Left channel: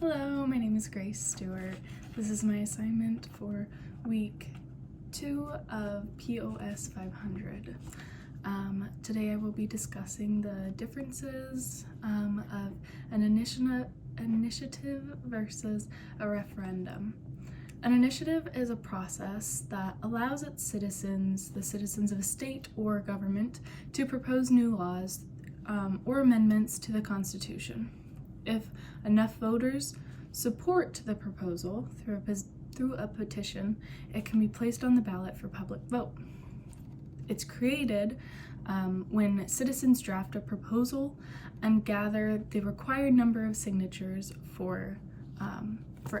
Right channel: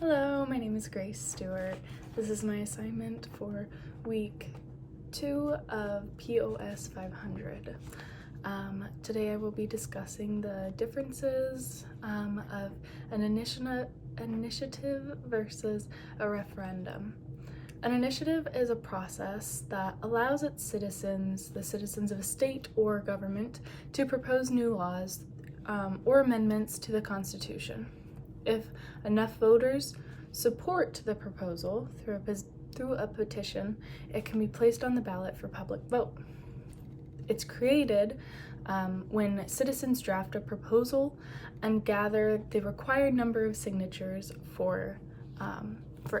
Hello, my name is Grace Stewart. This is my assignment for week 2 of POS 500. Today I will be discussing the differences of an initiative versus a referendum. An initiative is a process that allows its citizens, the citizens of a state or government, to propose new laws or amendments to the Constitution. If enough voters support the proposal through a petition, it can be placed on the ballot for public vote. It's created when citizens draft a proposal and gather the required number of signatures for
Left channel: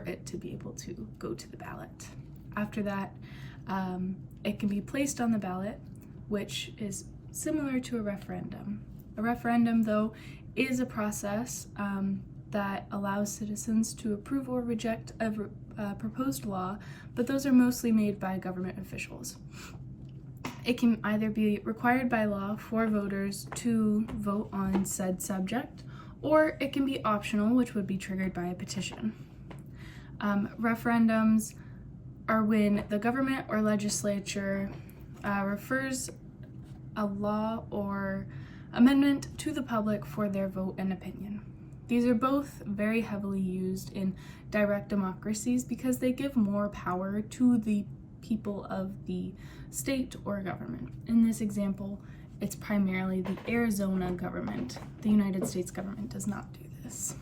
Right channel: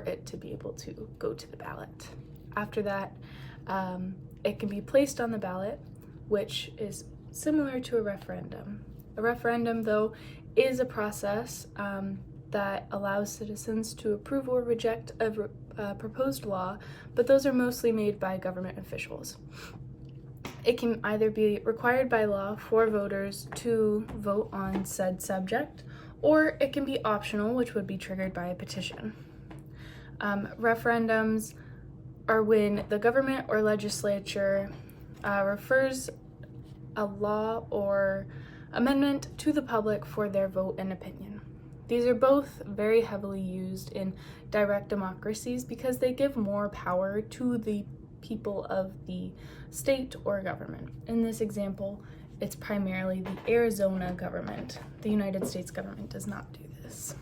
it to be able to go to the ballot. After that, it can be placed on the ballot, which is similar to a referendum. A referendum, though, is a process that allows citizens to approve or reject a proposed law, but those are mostly made by government officials. It can either be required by law for voters to vote on said subject, or it can be optional, which would be triggered by a petition. Referendums are when the government or legislature refers a law or amendment to the public for their vote and opinion. These are both very heavily used in direct democracies because they give more power to the people of the state or government. In this example, it's primarily the Arizona government. The United States government does not do this.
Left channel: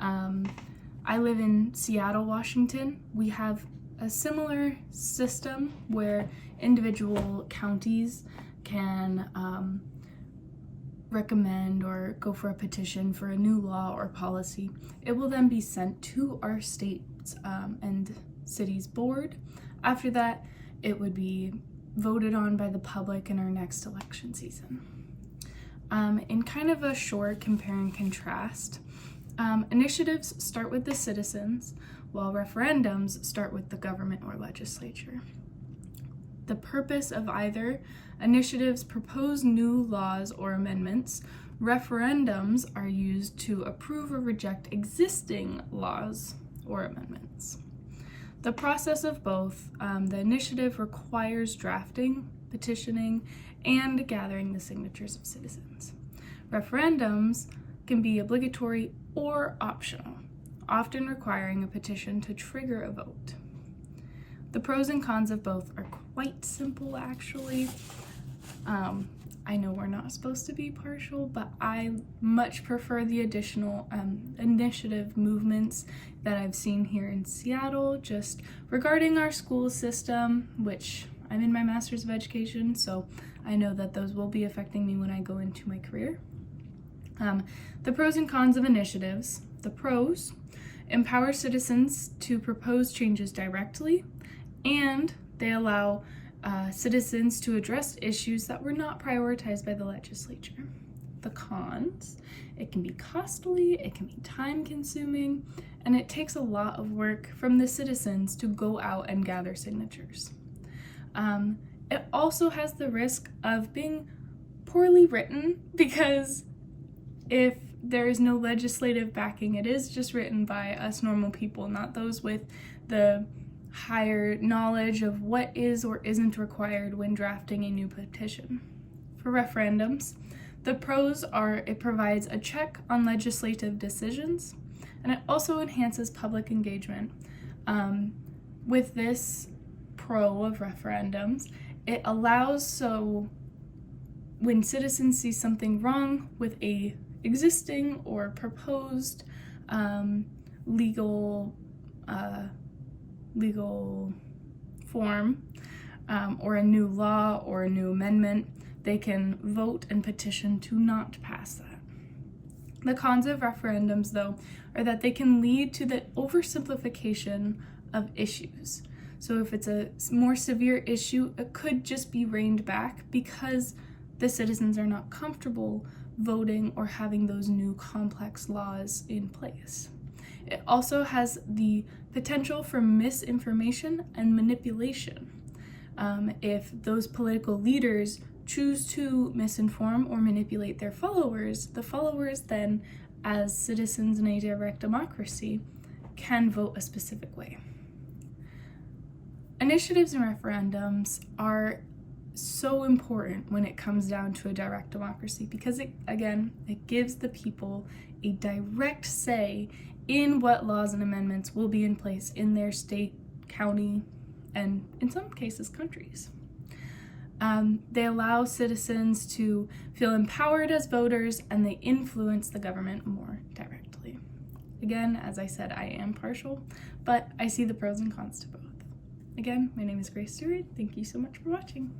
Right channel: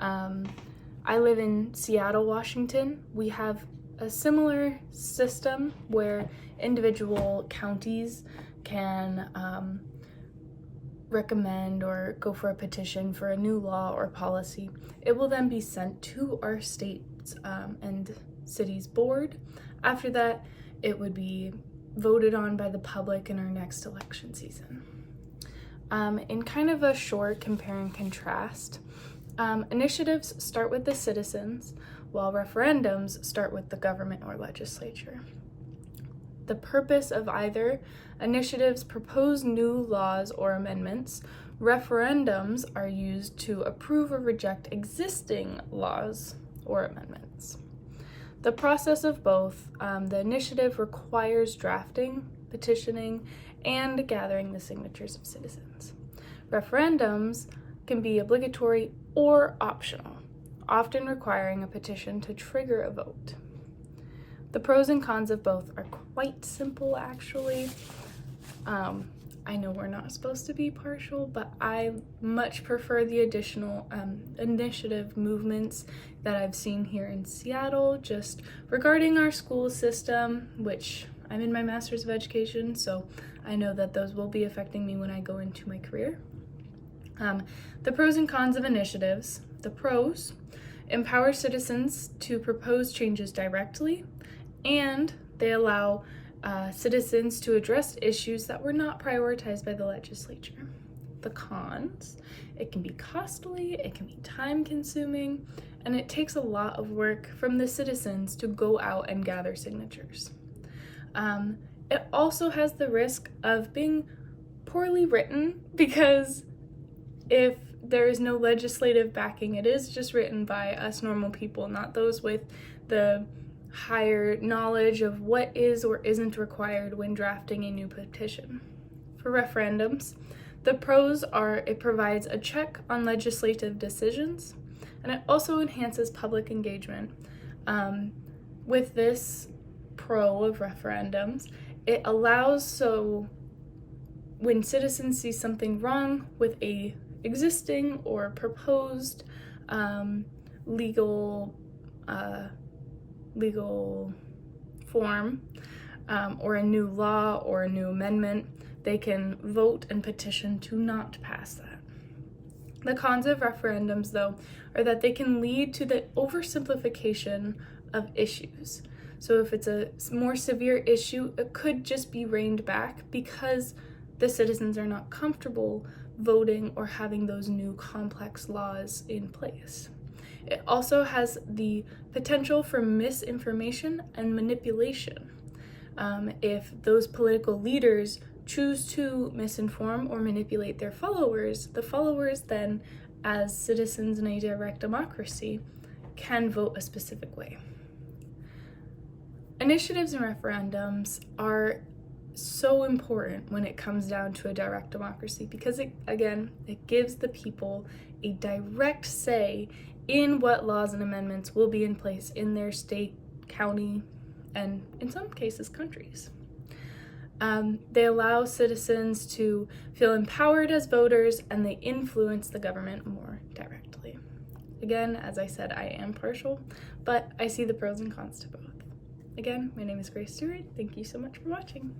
I live in Seattle, Washington. We have a similar system where individual counties can recommend or go for a petition for a new law or policy. It will then be sent to our state's and city's board. After that, it would be voted on by the public in our next election season. In kind of a short compare and contrast, initiatives start with the citizens, while referendums start with the government or legislature. The purpose of either initiatives propose new laws or amendments. Referendums are used to approve or reject existing laws or amendments. The process of both, the initiative requires drafting, petitioning, and gathering the signatures of citizens. Referendums can be obligatory or optional, often requiring a petition to trigger a vote. The pros and cons of both are quite simple, actually. I know we're not supposed to be partial, but I much prefer the additional initiative movements that I've seen here in Seattle, just regarding our school system, which I'm in my Master's of Education, so I know that those will be affecting me when I go into my career. The pros and cons of initiatives. The pros: empower citizens to propose changes directly, and they allow citizens to address issues that were not prioritized by the legislature. The cons: it can be costly, it can be time-consuming, and it takes a lot of work from the citizens to go out and gather signatures. It also has the risk of being poorly written because if there is no legislative backing, it is just written by us normal people, not those with the higher knowledge of what is or isn't required when drafting a new petition. For referendums, the pros are it provides a check on legislative decisions, and it also enhances public engagement. With this pro of referendums, it allows so when citizens see something wrong with a existing or proposed legal form or a new law or a new amendment, they can vote and petition to not pass that. The cons of referendums, though, are that they can lead to the oversimplification of issues. So if it's a more severe issue, it could just be reined back because the citizens are not comfortable voting or having those new complex laws in place. It also has the potential for misinformation and manipulation. If those political leaders choose to misinform or manipulate their followers, the followers then as citizens in a direct democracy, can vote a specific way. Initiatives and referendums are so important when it comes down to a direct democracy because it gives the people a direct say in what laws and amendments will be in place in their state, county, and in some cases countries. They allow citizens to feel empowered as voters, and they influence the government more directly. Again, as I said, I am partial, but I see the pros and cons to both. Again, my name is Grace Stewart. Thank you so much for watching.